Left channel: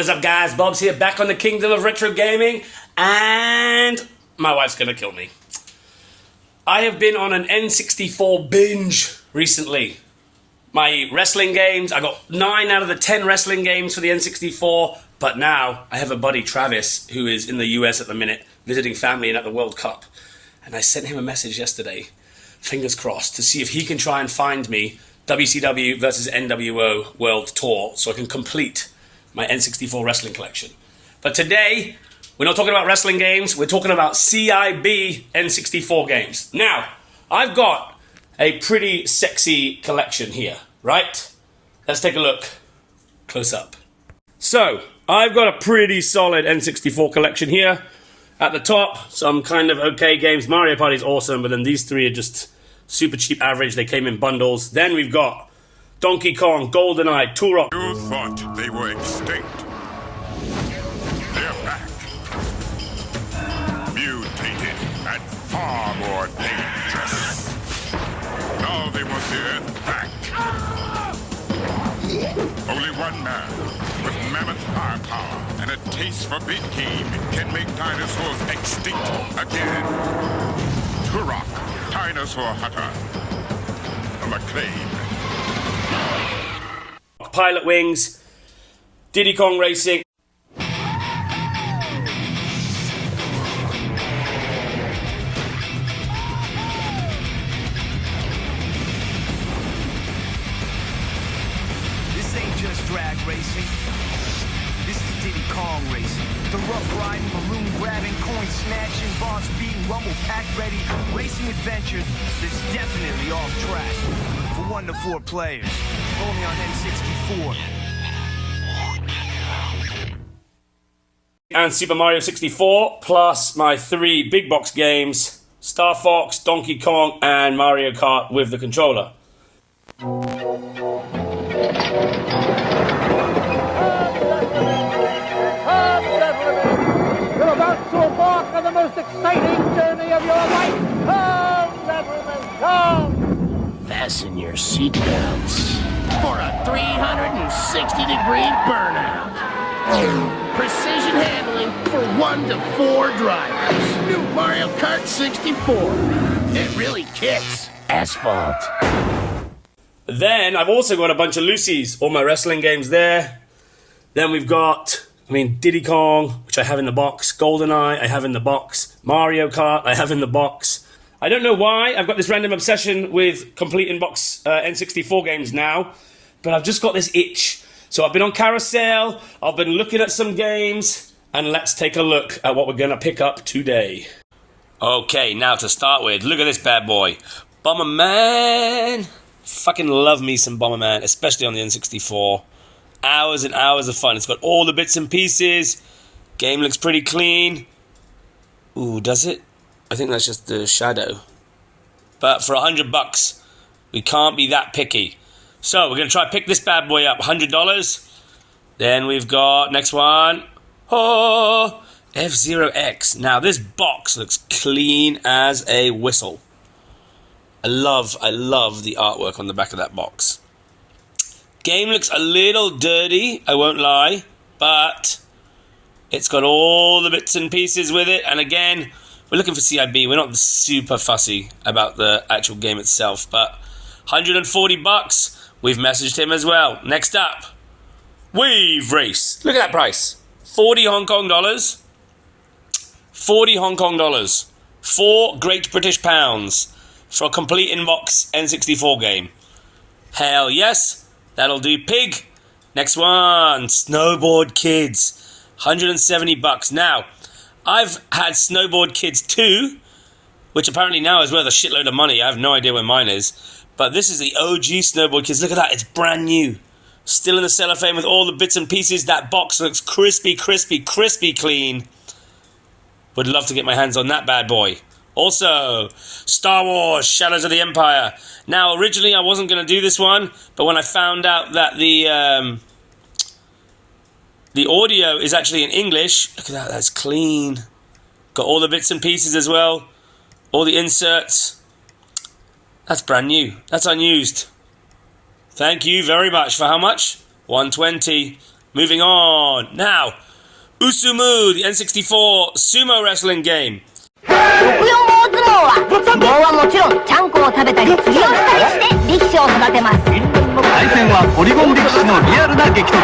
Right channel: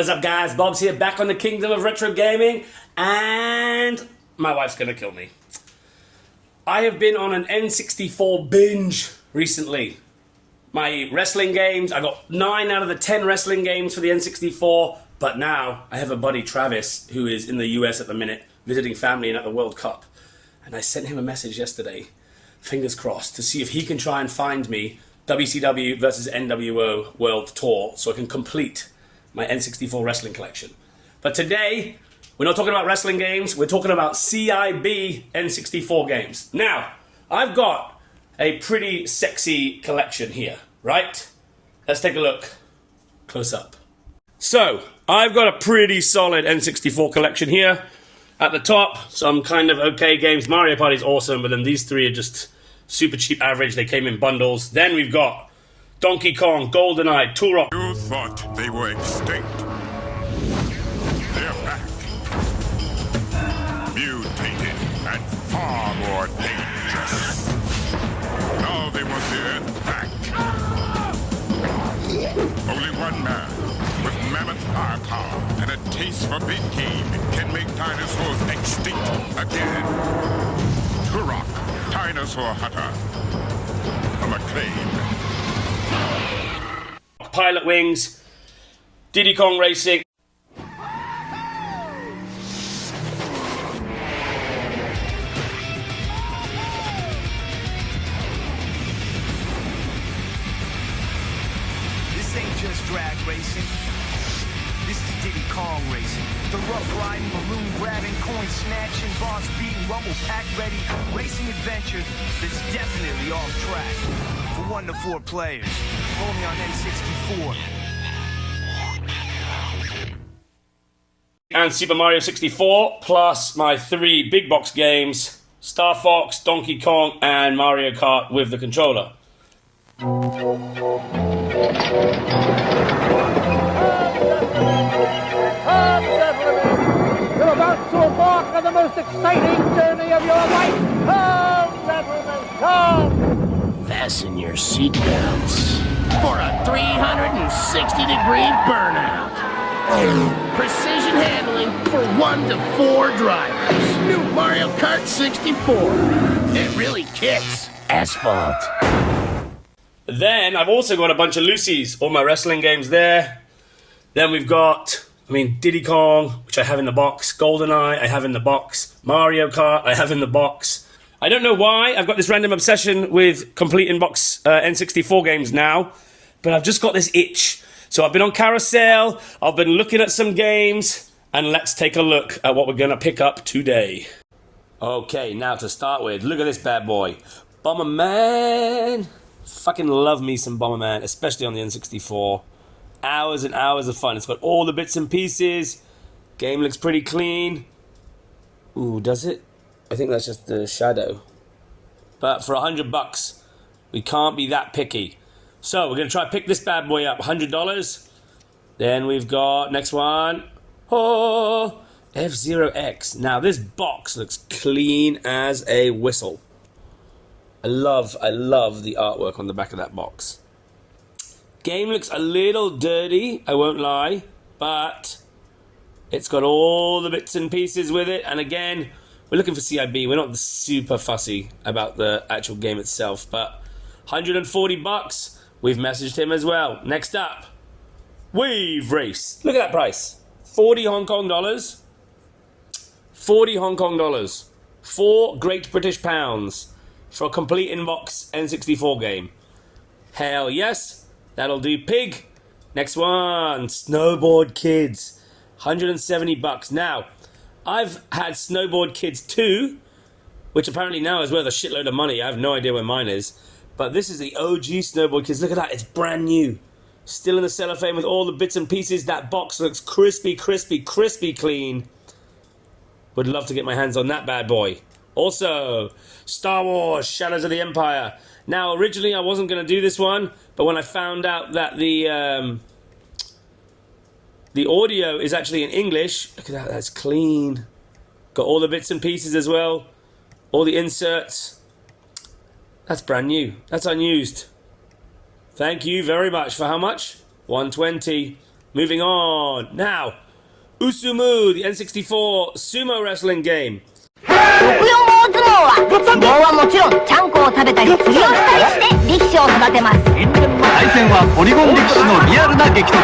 What is up, guys? Bob's here, back on the Kingdom of Retro Gaming, and my wife's gonna kill me. I have been on an N64 binge recently. My wrestling games, I got 9 out of the 10 wrestling games for the N64, but now I have a buddy, Travis, who is in the US at the minute, visiting family and at the World Cup. And I sent him a message yesterday, fingers crossed, to see if he can try and find me WCW versus NWO World Tour so I can complete my N64 wrestling collection. But today, we're not talking about wrestling games, we're talking about CIB N64 games. Now, I've got a pretty sexy collection here, right? Let's take a look close up. So, I've got a pretty solid N64 collection here. At the top, some kind of okay games. Mario Party's awesome, but then these three are just super cheap average. They came in bundles. Then we've got Donkey Kong, GoldenEye, Turok. You thought they were extinct. They're back. Mutated and far more dangerous. Now they want the Earth back. Only one man with mammoth firepower and a taste for big game can make dinosaurs extinct again. Turok, dinosaur hunter. A McLean. Pilot Wings, Diddy Kong Racing. This ain't just drag racing. This is Diddy Kong racing. The rough riding, balloon grabbing, coin snatching, boss beating, rumble pack ready, racing adventure that's definitely off track. For 1 to 4 players, only on N64. And Super Mario 64, plus my 3 big box games, Star Fox, Donkey Kong, and Mario Kart with the controller. You're about to embark on the most exciting journey of your life. Come, gentlemen, come. Fasten your seatbelts for a 360-degree burnout. Precision handling for 1 to 4 drivers. New Mario Kart 64. It really kicks asphalt. Then I've also got a bunch of Lucy's, all my wrestling games there. Then we've got, Diddy Kong, which I have in the box. GoldenEye, I have in the box. Mario Kart, I have in the box. I don't know why, I've got this random obsession with complete in-box N64 games now, but I've just got this itch. So I've been on Carousel, I've been looking at some games, and let's take a look at what we're gonna pick up today. Okay, now to start with, look at this bad boy. Bomberman. Fucking love me some Bomberman, especially on the N64. Hours and hours of fun. It's got all the bits and pieces. Game looks pretty clean. Ooh, does it? I think that's just the shadow. But for $100, we can't be that picky. So we're going to try to pick this bad boy up. $100. Then we've got, next one. Oh, F-Zero X. Now this box looks clean as a whistle. I love the artwork on the back of that box. Game looks a little dirty, I won't lie, but it's got all the bits and pieces with it. And again, we're looking for CIB. We're not super fussy about the actual game itself, but $140. We've messaged him as well. Next up, Wave Race. Look at that price. 40 Hong Kong dollars. 40 Hong Kong dollars. 4 Great British pounds for a complete in-box N64 game. Hell yes. That'll do, pig. Next one, Snowboard Kids. $170. Now, I've had Snowboard Kids 2, which apparently now is worth a shitload of money. I have no idea where mine is. But this is the OG Snowboard Kids. Look at that, it's brand new. Still in the cellophane with all the bits and pieces. That box looks crispy, crispy, crispy clean. Would love to get my hands on that bad boy. Also, Star Wars Shadows of the Empire. Now, originally I wasn't going to do this one, but when I found out that the audio is actually in English, look at that, that's clean. Got all the bits and pieces as well, all the inserts. That's brand new. That's unused. Thank you very much. For how much? $120. Moving on. Now, Usumu, the N64 sumo wrestling game. 六四大相撲は相撲はもちろんちゃんこを食べたり釣りをしたりして力士を育てます。対戦はポリゴン力士のリアルな激突。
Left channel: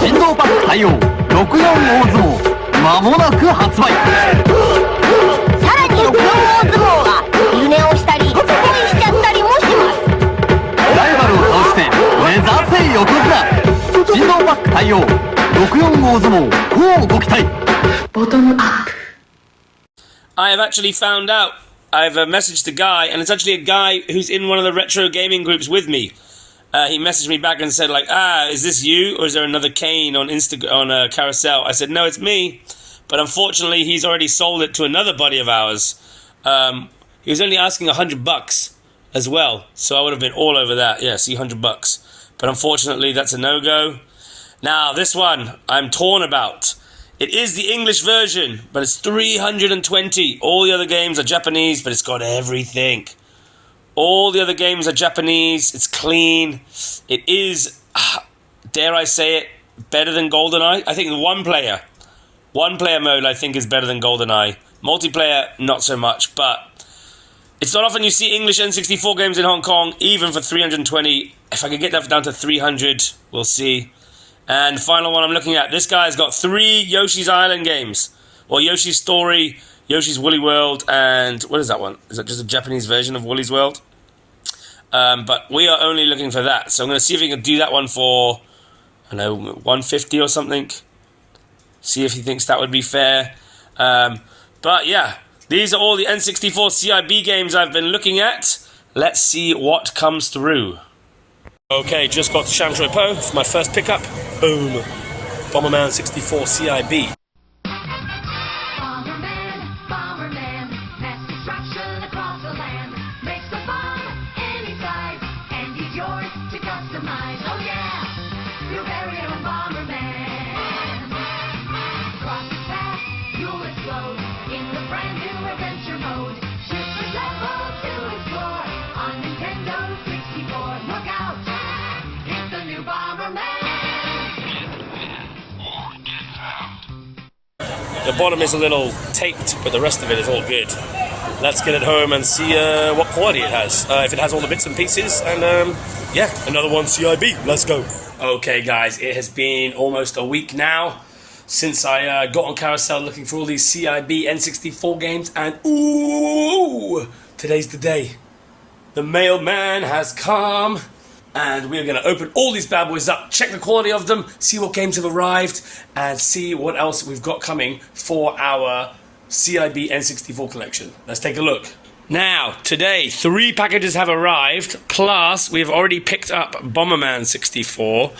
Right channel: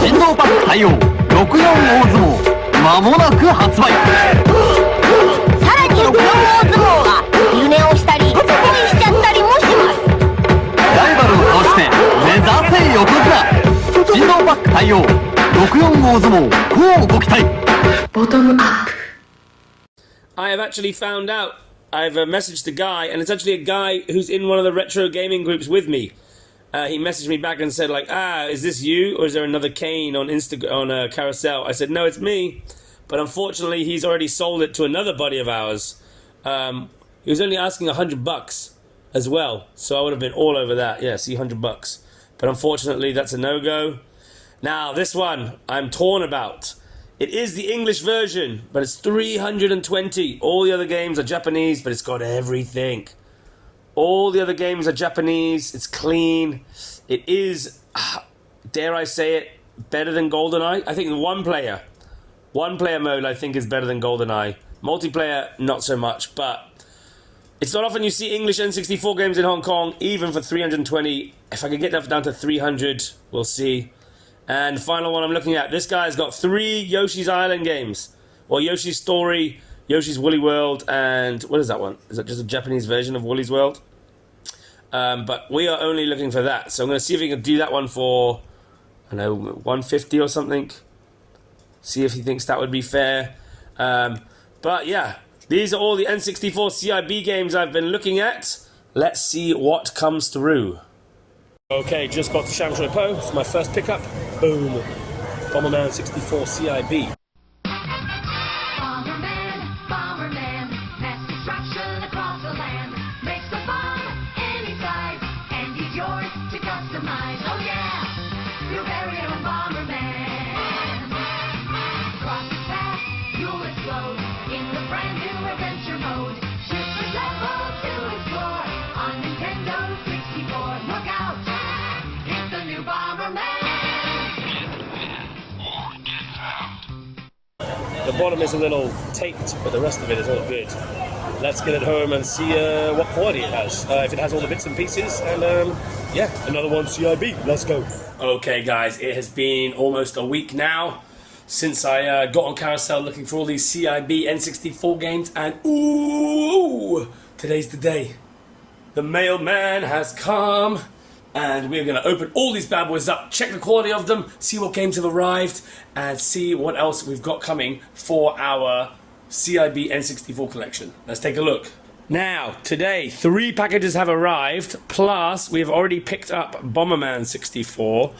人道パック対応64大相撲間もなく発売。さらに64大相撲は昼寝をしたり恋しちゃったりもします。ライバルを倒して目指せ横綱。人道パック対応64大相撲乞うご期待。ボトムアップ。I have actually found out. I've messaged a guy, and it's actually a guy who's in one of the retro gaming groups with me. He messaged me back and said, like, is this you, or is there another Kane on Carousel? I said, no, it's me. But unfortunately, he's already sold it to another buddy of ours. He was only asking $100 as well, so I would have been all over that. Yeah, see, $100. But unfortunately, that's a no-go. Now, this one, I'm torn about. It is the English version, but it's 320. All the other games are Japanese, but it's got everything. All the other games are Japanese. It's clean. It is, dare I say it, better than GoldenEye. I think the one player mode I think is better than GoldenEye. Multiplayer, not so much, but it's not often you see English N64 games in Hong Kong, even for 320. If I can get that down to 300, we'll see. And the final one I'm looking at, this guy's got 3 Yoshi's Island games. Well, Yoshi's Story, Yoshi's Woolly World, and what is that one? Is that just a Japanese version of Woolly's World? But we are only looking for that. So I'm going to see if we can do that one for, I don't know, 150 or something. See if he thinks that would be fair. But yeah, these are all the N64 CIB games I've been looking at. Let's see what comes through. Okay, just got to Shamtroy Po for my first pickup. Boom. Bomberman 64 CIB. Bomberman, mass destruction across the land. Makes the bomb any size, and he's yours to customize. Oh yeah, your very own Bomberman. Cross the path, you'll explode in the brand new adventure mode. Shifts level to explore on Nintendo 64. Look out, it's the new Bomberman. The bottom is a little taped, but the rest of it is all good. Let's get it home and see what quality it has. If it has all the bits and pieces, and yeah, another one CIB. Let's go. Okay, guys, it has been almost a week now since I got on Carousel looking for all these CIB N64 games, and ooh, today's the day. The mailman has come. And we're going to open all these bad boys up, check the quality of them, see what games have arrived, and see what else we've got coming for our CIB N64 collection. Let's take a look. Now, today, 3 packages have arrived, plus we've already picked up Bomberman 64,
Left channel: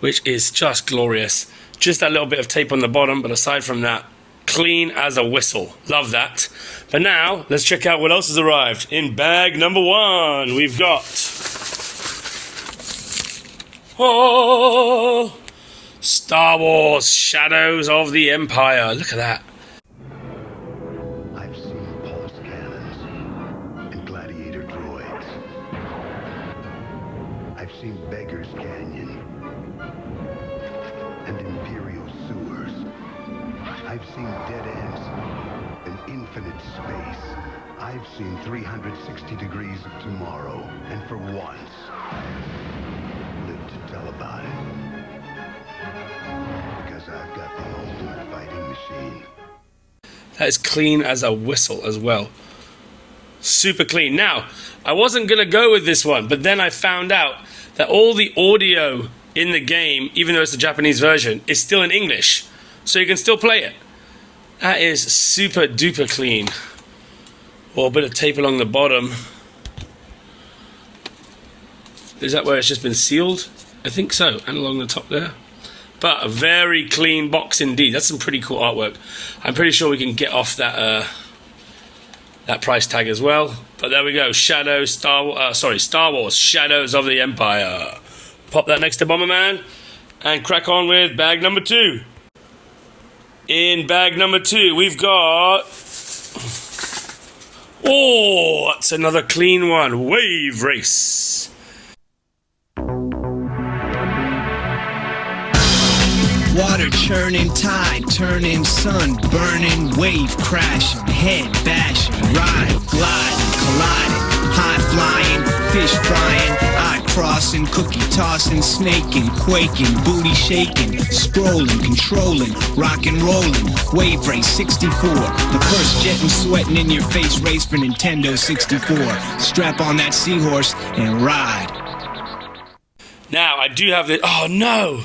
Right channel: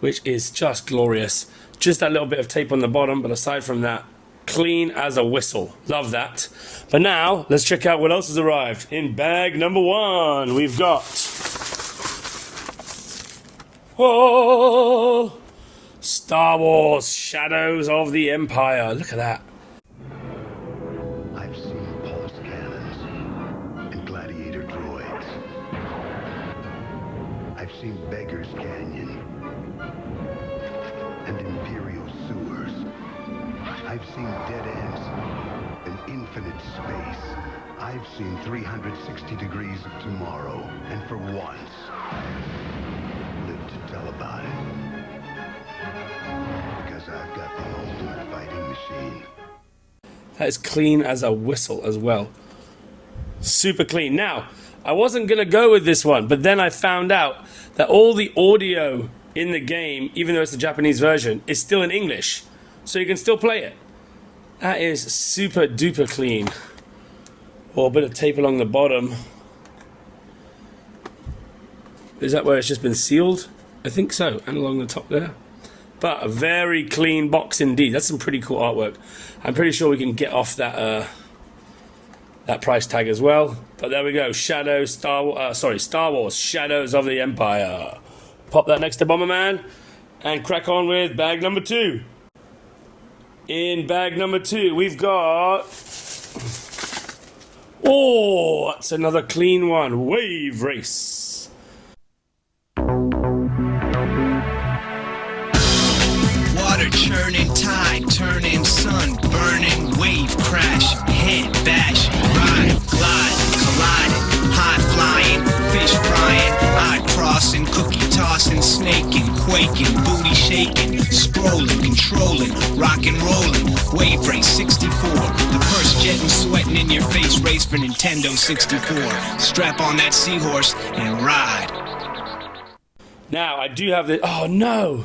which is just glorious. Just that little bit of tape on the bottom, but aside from that, clean as a whistle. Love that. But now, let's check out what else has arrived. In bag number 1, we've got... Oh, Star Wars Shadows of the Empire. Look at that. I've seen pulse cannons and gladiator droids. I've seen Beggar's Canyon and Imperial sewers. I've seen dead ends and infinite space. I've seen 360 degrees of tomorrow, and for once, to tell about it, because I've got the ultimate fighting machine. That is clean as a whistle as well. Super clean. Now, I wasn't going to go with this one, but then I found out that all the audio in the game, even though it's the Japanese version, is still in English. So you can still play it. That is super duper clean. Or a bit of tape along the bottom. Is that where it's just been sealed? I think so, and along the top there. But a very clean box indeed. That's some pretty cool artwork. I'm pretty sure we can get off that that price tag as well. But there we go. Star Wars Shadows of the Empire. Pop that next to Bomberman and crack on with bag number 2. In bag number 2, we've got... Oh, that's another clean one. Wave Race. churning tide, turning sun, burning wave, crashing, head bashing, ride, gliding, colliding, high flying, fish frying, eye crossing, cookie tossing, snaking, quaking, booty shaking, scrolling, controlling, rock and rolling, wave race 64, the first jet and sweating in your face race for Nintendo 64. Strap on that seahorse and ride. Now, I do have the... Oh, no!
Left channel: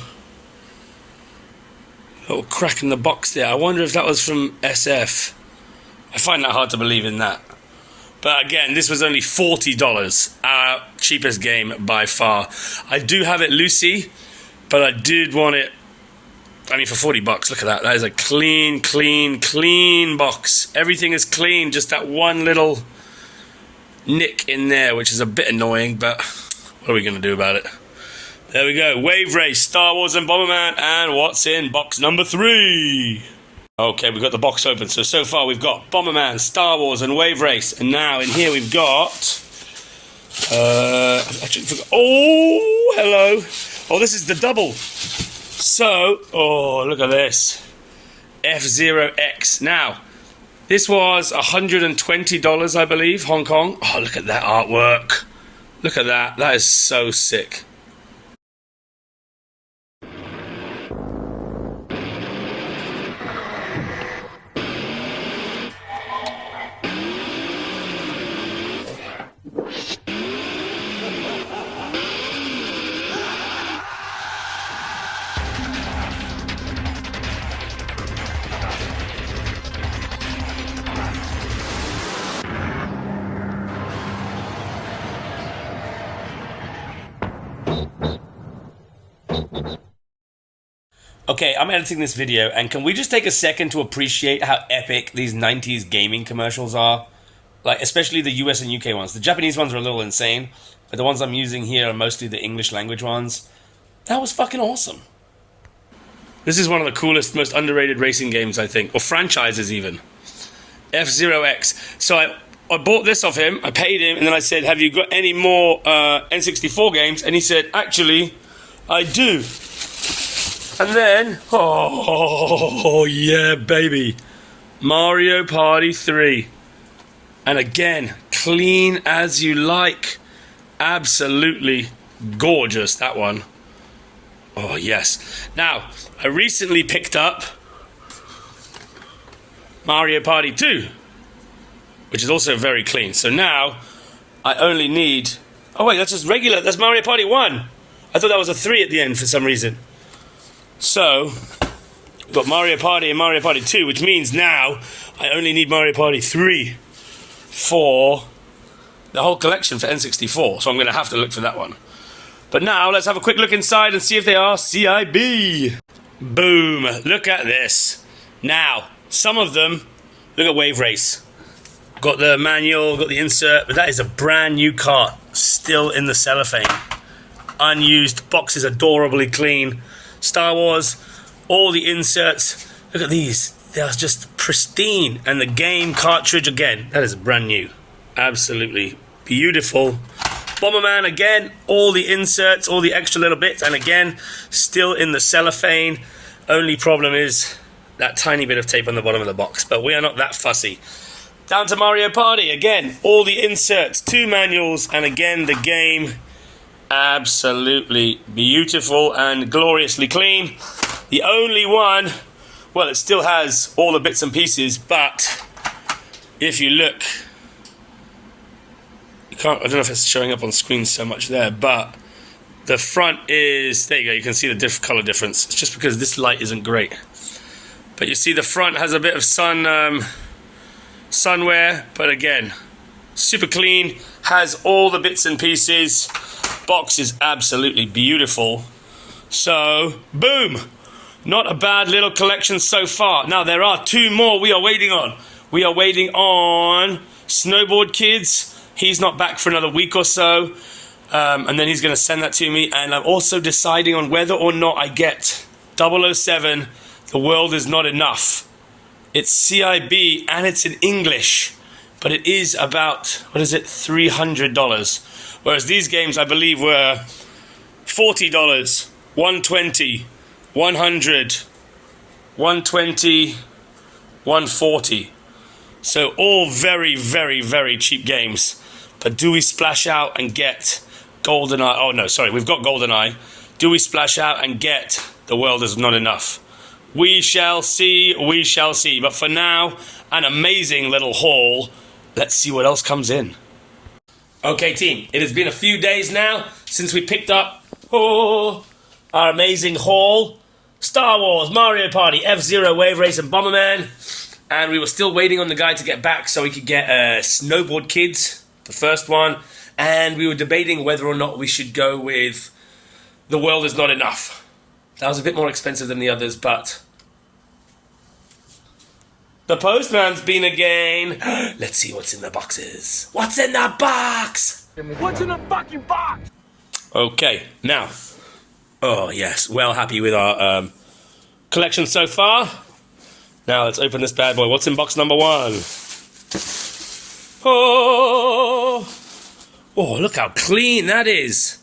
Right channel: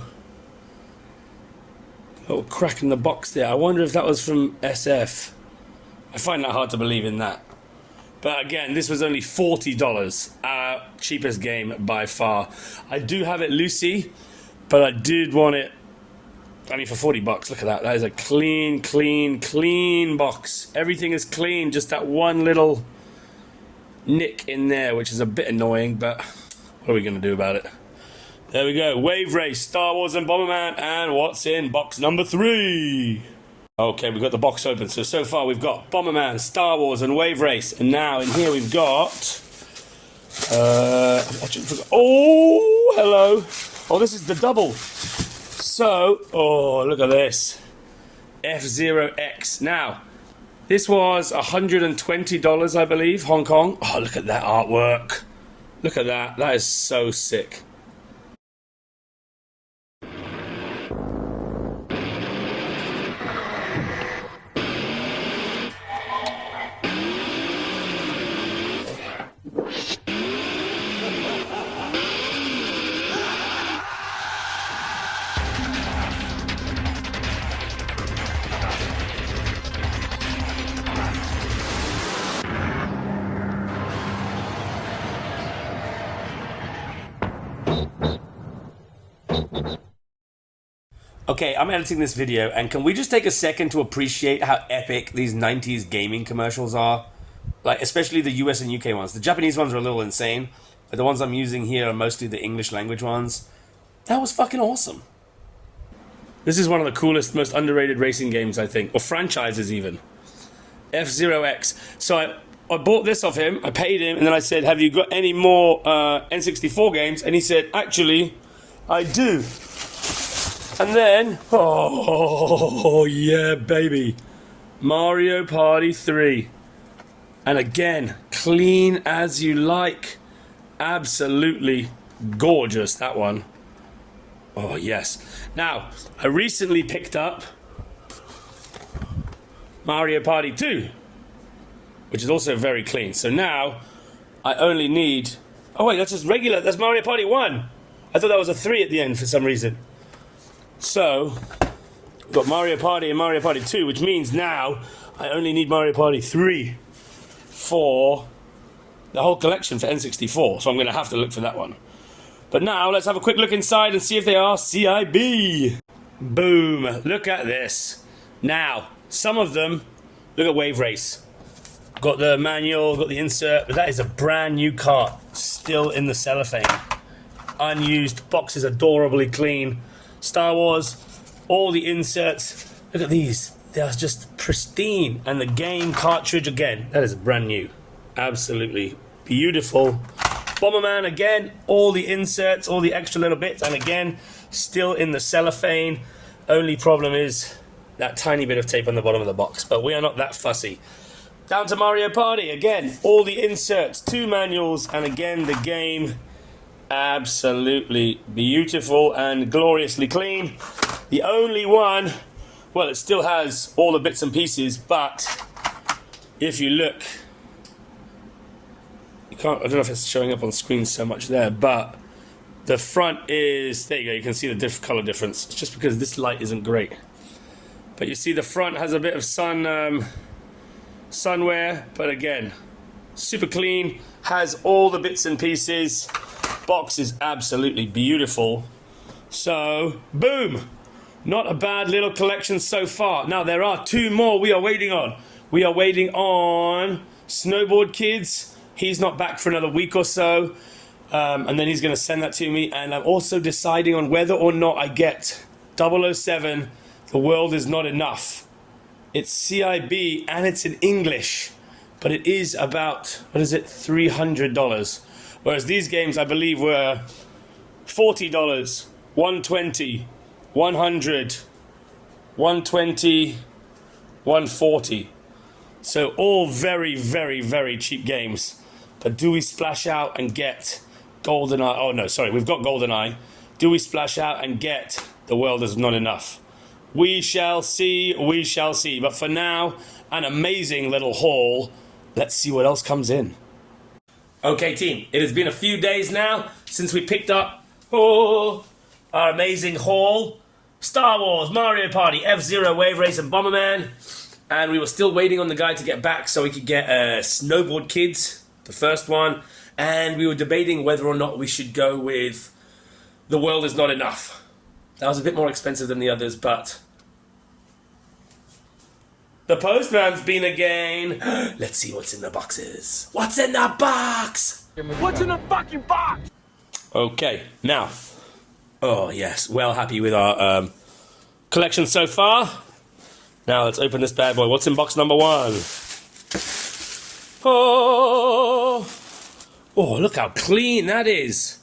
Little crack in the box there. I wonder if that was from SF. I find that hard to believe in that. But again, this was only $40. Our cheapest game by far. I do have it Lucy, but I did want it... I mean, for $40, look at that. That is a clean, clean, clean box. Everything is clean. Just that one little nick in there, which is a bit annoying, but what are we going to do about it? There we go. Wave Race, Star Wars and Bomberman, and what's in box number 3? Okay, we've got the box open. So far we've got Bomberman, Star Wars, and Wave Race. And now in here we've got... Oh, hello. Oh, this is the double. So, oh, look at this. F-Zero X. Now, this was $120, I believe, Hong Kong. Oh, look at that artwork. Look at that. That is so sick. Okay, I'm editing this video, and can we just take a second to appreciate how epic these 90s gaming commercials are? Like, especially the US and UK ones. The Japanese ones are a little insane, but the ones I'm using here are mostly the English language ones. That was fucking awesome. This is one of the coolest, most underrated racing games, I think, or franchises even. F-Zero X. So I bought this off him, I paid him, and then I said, have you got any more N64 games? And he said, actually, I do. And then, oh yeah, baby, Mario Party 3. And again, clean as you like. Absolutely gorgeous, that one. Oh yes. Now, I recently picked up Mario Party 2, which is also very clean. So now, I only need... Oh wait, that's just regular, that's Mario Party 1. I thought that was a 3 at the end for some reason. So, we've got Mario Party and Mario Party 2, which means now I only need Mario Party 3 for the whole collection for N64. So I'm going to have to look for that one. But now, let's have a quick look inside and see if they are CIB. Boom. Look at this. Now, some of them, look at Wave Race. Got the manual, got the insert, but that is a brand new cart, still in the cellophane. Unused, box is adorably clean. Star Wars, all the inserts, look at these, they are just pristine. And the game cartridge again, that is brand new, absolutely beautiful. Bomberman again, all the inserts, all the extra little bits, and again, still in the cellophane. Only problem is that tiny bit of tape on the bottom of the box, but we are not that fussy. Down to Mario Party, again, all the inserts, 2 manuals, and again, the game. Absolutely beautiful and gloriously clean. The only one, well, it still has all the bits and pieces, but if you look, you can't, I don't know if it's showing up on screen so much there, but the front is, there you go, you can see the color difference. It's just because this light isn't great. But you see the front has a bit of sunwear, but again, super clean, has all the bits and pieces. Box is absolutely beautiful. So, boom! Not a bad little collection so far. Now, there are 2 more we are waiting on. We are waiting on Snowboard Kids. He's not back for another week or so. And then he's going to send that to me. And I'm also deciding on whether or not I get 007, The World Is Not Enough. It's CIB and it's in English. But it is about, what is it, $300. Whereas these games, I believe, were $40, $120, $100, 120, 140. So all very, very, very cheap games. But do we splash out and get GoldenEye? Oh no, sorry, we've got GoldenEye. Do we splash out and get The World Is Not Enough? We shall see, we shall see. But for now, an amazing little haul. Let's see what else comes in. Okay, team, it has been a few days now since we picked up our amazing haul. Star Wars, Mario Party, F-Zero, Wave Race, and Bomberman. And we were still waiting on the guy to get back so we could get Snowboard Kids, the first one. And we were debating whether or not we should go with The World Is Not Enough. That was a bit more expensive than the others, but the postman's been again. Let's see what's in the boxes. What's in the box? What's in the fucking box? Okay, now. Oh, yes. Well happy with our collection so far. Now let's open this bad boy. What's in box number 1? Oh, look how clean that is.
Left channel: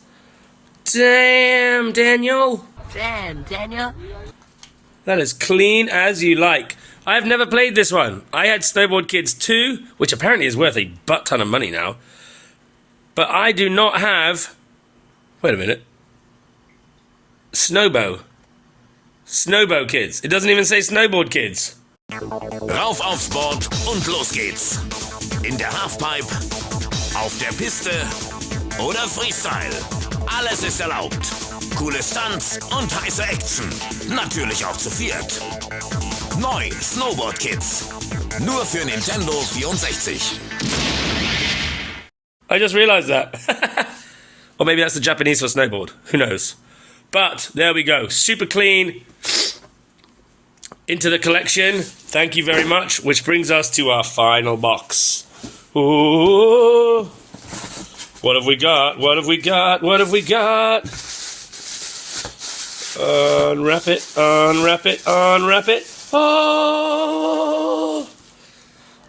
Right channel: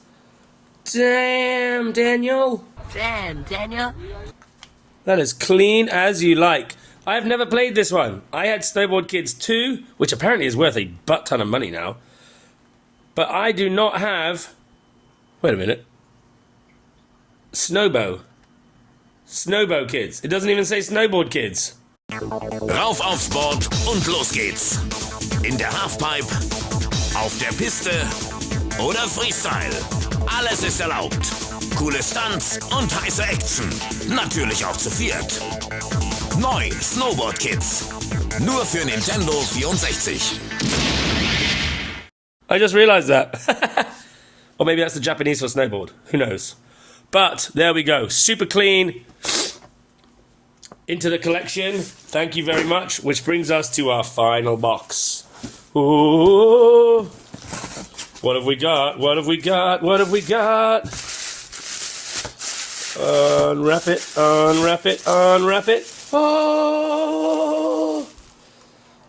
Damn, Daniel. Damn, Daniel. That is clean as you like. I have never played this one. I had Snowboard Kids 2, which apparently is worth a butt ton of money now. But I do not have... Wait a minute. Snowbow Kids. It doesn't even say Snowboard Kids. Rauf aufs Board und los geht's. In der Halfpipe, auf der Piste oder Freestyle. Alles ist erlaubt. Coole Stunts und heiße Action. Natürlich auch zu viert. Neu Snowboard Kids. Nur für Nintendo 64. I just realized that. Or maybe that's the Japanese for snowboard. Who knows? But there we go. Super clean. Into the collection. Thank you very much. Which brings us to our final box. Ooh. What have we got? What have we got? What have we got? Unwrap it, unwrap it, unwrap it. Oh!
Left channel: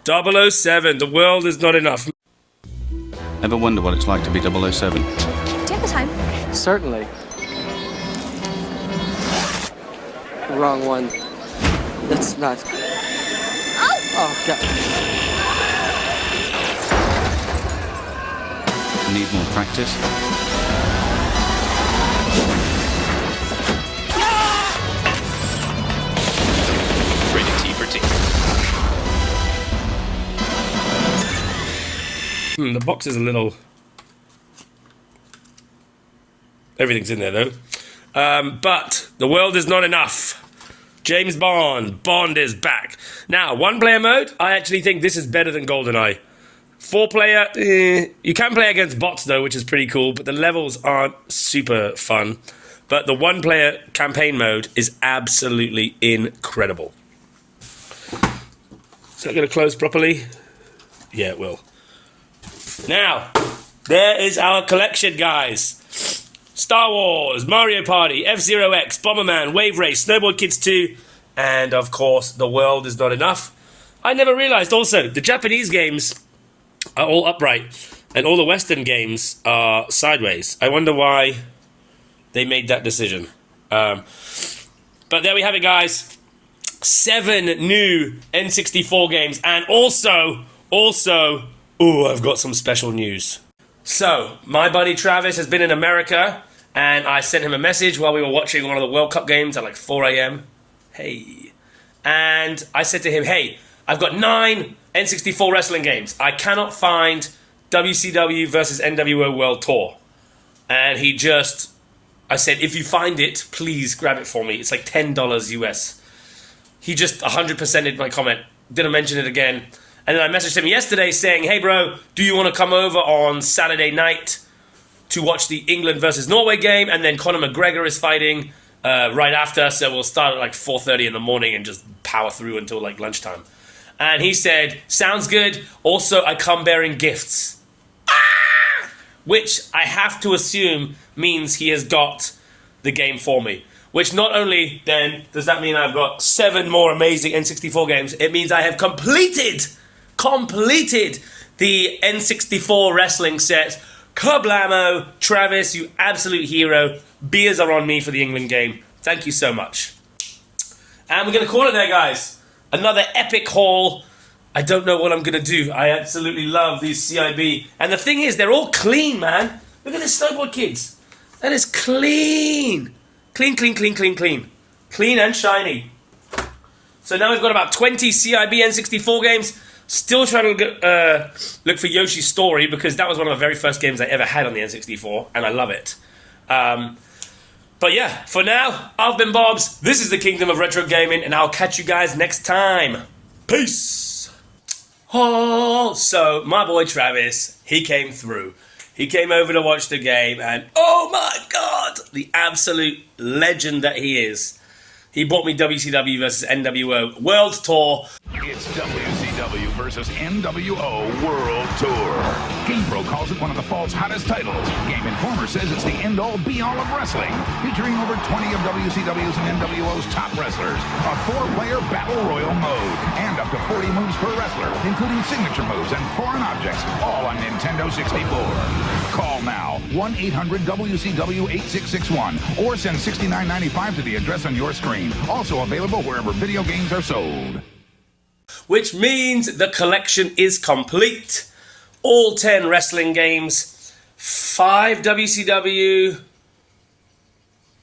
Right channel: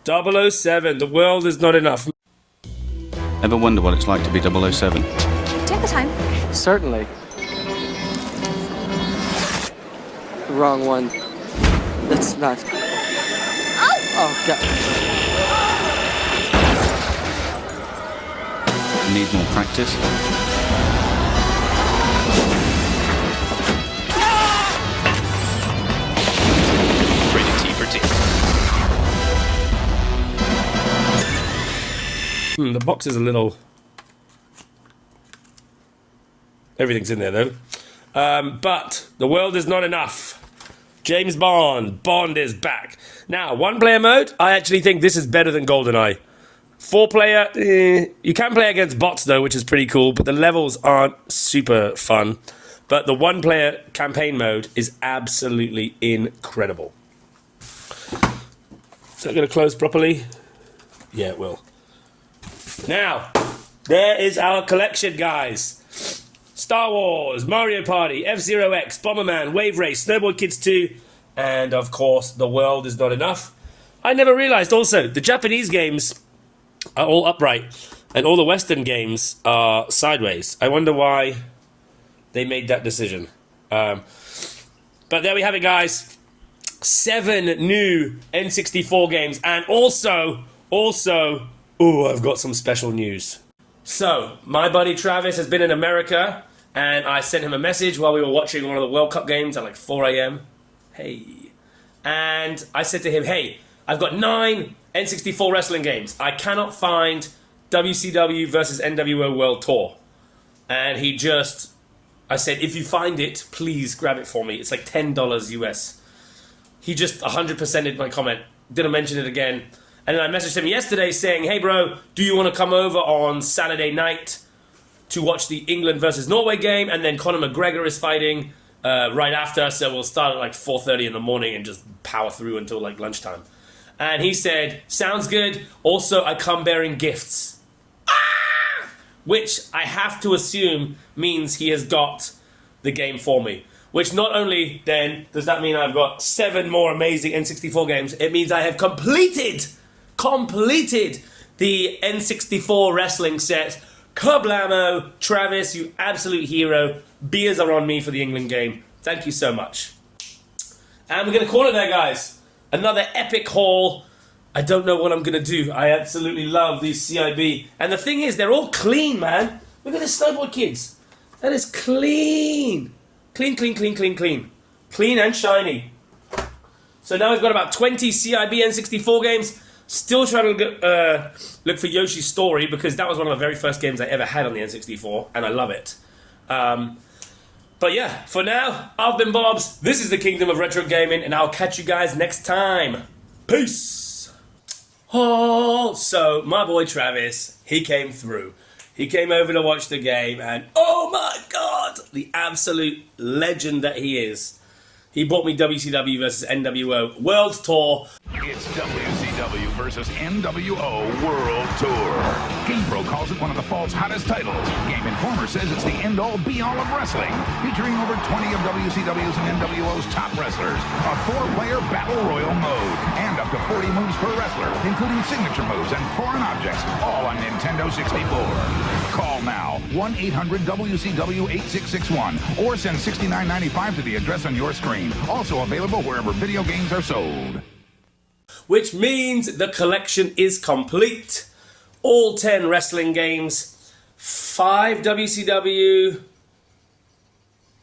007, The World Is Not Enough. Ever wonder what it's like to be 007? Do you have the time? Certainly. Wrong one. That's not... Oh, God. Need more practice? Rated T for T. The box is a little... Everything's in there, though. But The World Is Not Enough. James Bond. Bond is back. Now, 1-player mode, I actually think this is better than GoldenEye. 4-player, you can play against bots, though, which is pretty cool, but the levels aren't super fun. But the 1-player campaign mode is absolutely incredible. Is that going to close properly? Yeah, it will. Now, there is our collection, guys. Star Wars, Mario Party, F-Zero X, Bomberman, Wave Race, Snowboard Kids 2, and of course, The World Is Not Enough. I never realized also, the Japanese games are all upright, and all the Western games are sideways. I wonder why they made that decision. But there we have it, guys. 7 new N64 games, and also, I've got some special news. So, my buddy Travis has been in America, and I sent him a message while we were watching one of the World Cup games at like 4 a.m. Hey. And I said to him, hey, I've got 9 N64 wrestling games. I cannot find WCW versus NWO World Tour. And I said, if you find it, please grab it for me. It's like $10 US. He just 100%ed my comment. Didn't mention it again. And then I messaged him yesterday saying, hey bro, do you want to come over on Saturday night to watch the England versus Norway game? And then Conor McGregor is fighting right after, so we'll start at like 4:30 in the morning and just power through until like lunchtime. And he said, sounds good. Also, I come bearing gifts. Which I have to assume means he has got the game for me. Which not only then does that mean I've got 7 more amazing N64 games, it means I have completed the N64 wrestling set. Kablamo, Travis, you absolute hero. Beers are on me for the England game. Thank you so much. And we're going to call it there, guys. Another epic haul. I don't know what I'm going to do. I absolutely love these CIB. And the thing is, they're all clean, man. Look at the snowboard kids. That is clean. Clean, clean, clean, clean, clean. Clean and shiny. So now we've got about 20 CIB N64 games. Still trying to look for Yoshi's Story, because that was one of the very first games I ever had on the N64, and I love it. But yeah, for now, I've been Bobs. This is the Kingdom of Retro Gaming, and I'll catch you guys next time. Peace! Oh, so my boy Travis, he came through. He came over to watch the game, and oh my god, the absolute legend that he is. He bought me WCW versus NWO World Tour. It's WCW versus NWO World Tour. GamePro calls it one of the fall's hottest titles. Game Informer says it's the end-all, be-all of wrestling, featuring over 20 of WCW's and NWO's top wrestlers, a 4-player battle royal mode, and up to 40 moves per wrestler, including signature moves and foreign objects, all on Nintendo 64. Call now, 1-800-WCW-8661, or send $69.95 to the address on your screen. Also available wherever video games are sold. Which means the collection is complete. All 10 wrestling games, 5 WCW,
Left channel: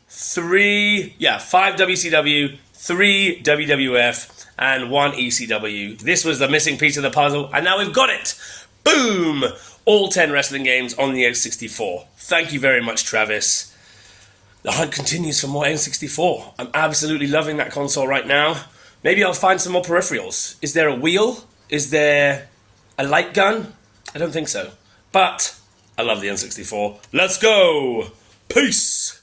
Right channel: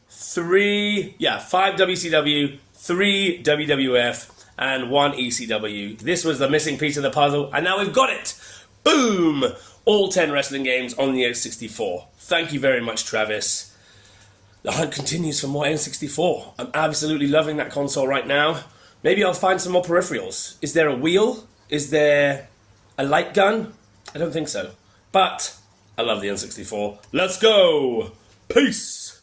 5 WCW, 3 WWF, and 1 ECW. This was the missing piece of the puzzle, and now we've got it. Boom! All 10 wrestling games on the N64. Thank you very much, Travis. The hunt continues for more N64. I'm absolutely loving that console right now. Maybe I'll find some more peripherals. Is there a wheel? Is there a light gun? I don't think so. But I love the N64. Let's go! Peace!